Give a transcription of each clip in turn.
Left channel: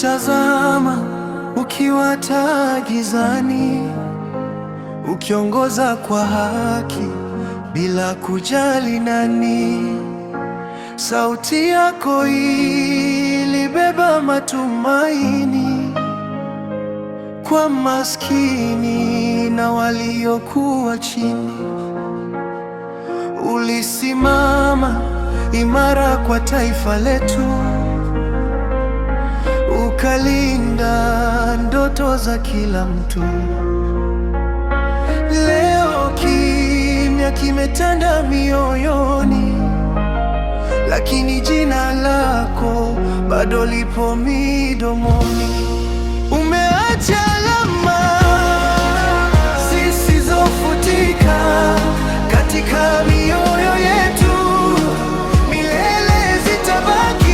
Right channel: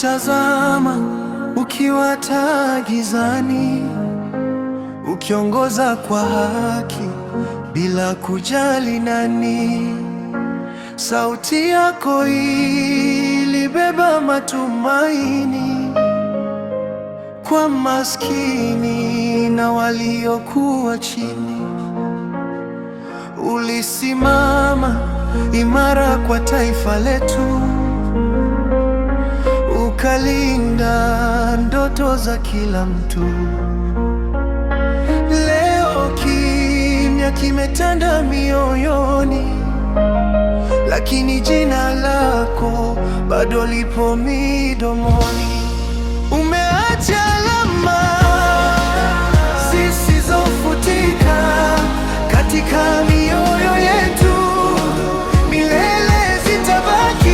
Nikikutazama ukiwa taa gizani, ukiongoza kwa haki bila kujali nani. Sauti yako ilibeba matumaini kwa maskini na waliokuwa chini. Ulisimama imara kwa taifa letu, ukalinda ndoto za kila mtu. Leo kimya kimetanda mioyoni, lakini jina lako bado lipo midomoni. Umeacha alama zisizofutika katika mioyo yetu, milele zitabaki.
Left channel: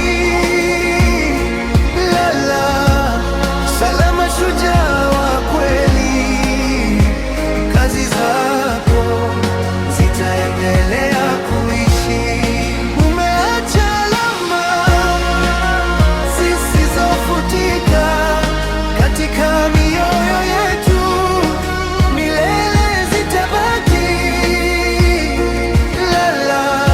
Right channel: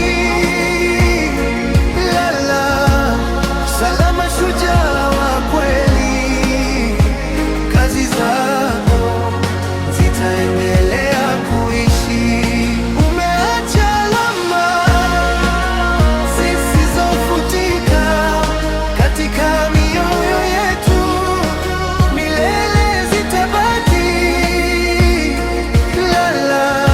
Lala salama, shujaa wa kweli, kazi zako zitaendelea kuishi. Umeacha alama zisizofutika katika mioyo yetu, milele zitabaki. Lala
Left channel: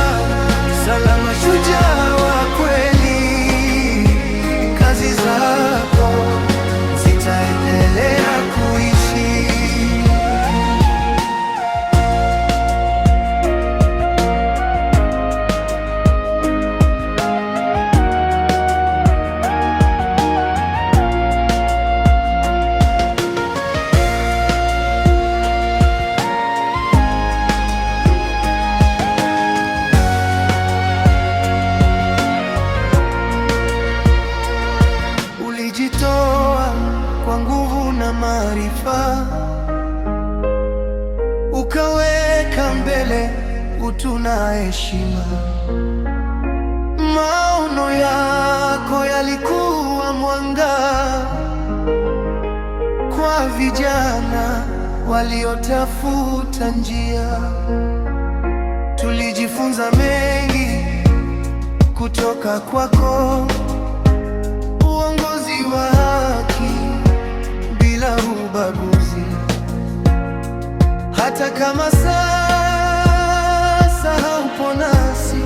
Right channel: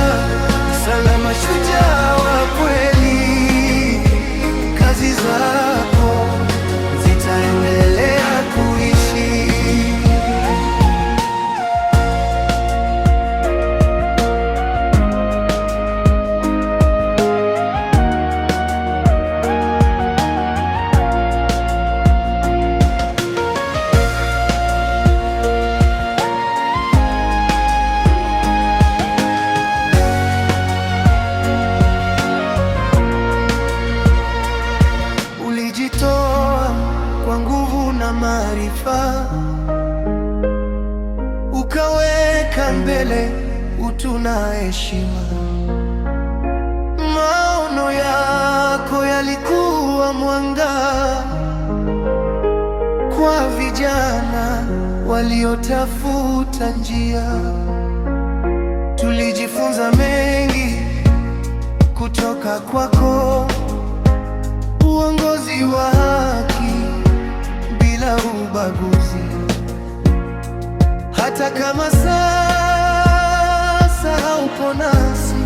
salama, shujaa wa kweli, kazi zako zitaendelea kuishi. Ulijitoa kwa nguvu na maarifa, ukaweka mbele utu na heshima. Maono yako yalikuwa mwanga kwa vijana waliotafuta njia. Tulijifunza mengi kutoka kwako, uongozi wa haki bila ubaguzi. Hata kama sasa haupo nasi,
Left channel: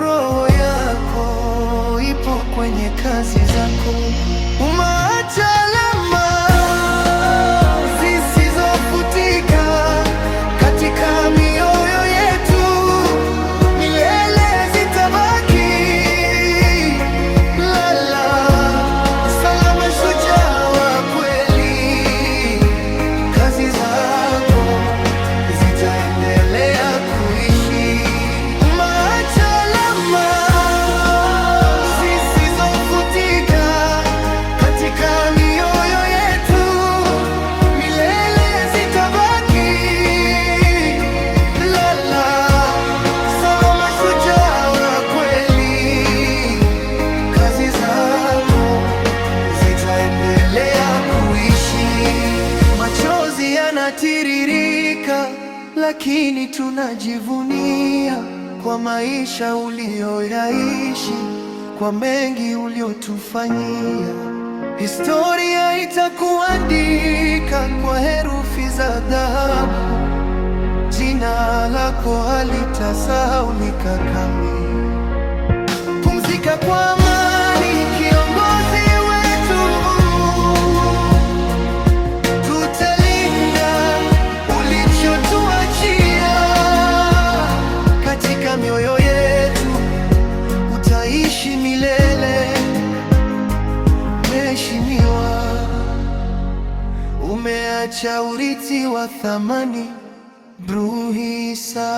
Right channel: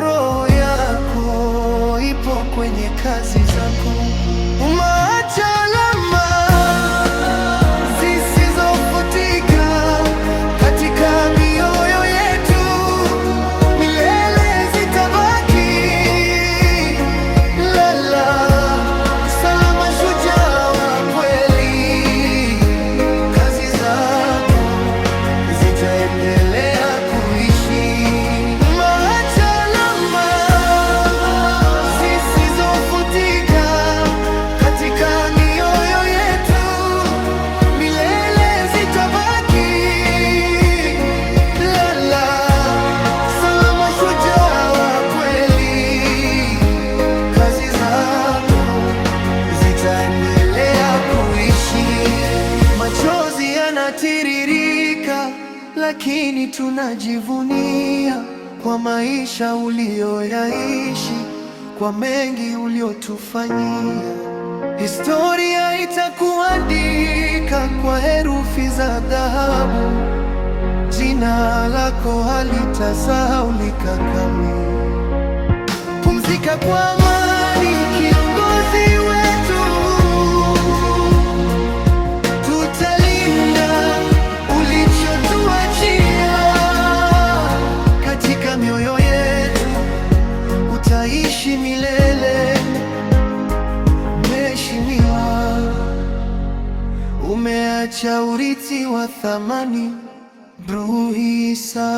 roho yako ipo kwenye kazi zako. Umeacha alama zisizofutika katika mioyo yetu, milele zitabaki. Zitaendelea kuishi. Umeacha alama zisizofutika katika mioyo yetu, milele zitabaki. Lala salama, shujaa wa kweli, kazi zako zitaendelea kuishi. Machozi yanatiririka, lakini tunajivunia kwa maisha uliyoyaishi, kwa mengi uliotufanyia. Historia itakuandika kwa herufi za dhahabu, jina lako halitasahaulika kamwe. Pumzika kwa amani, kiongozi wetu, tutalinda ulichotuachia. Katika mioyo yetu utaishi milele. Mheshimiwa, umeacha urithi wa thamani. Bruhisa.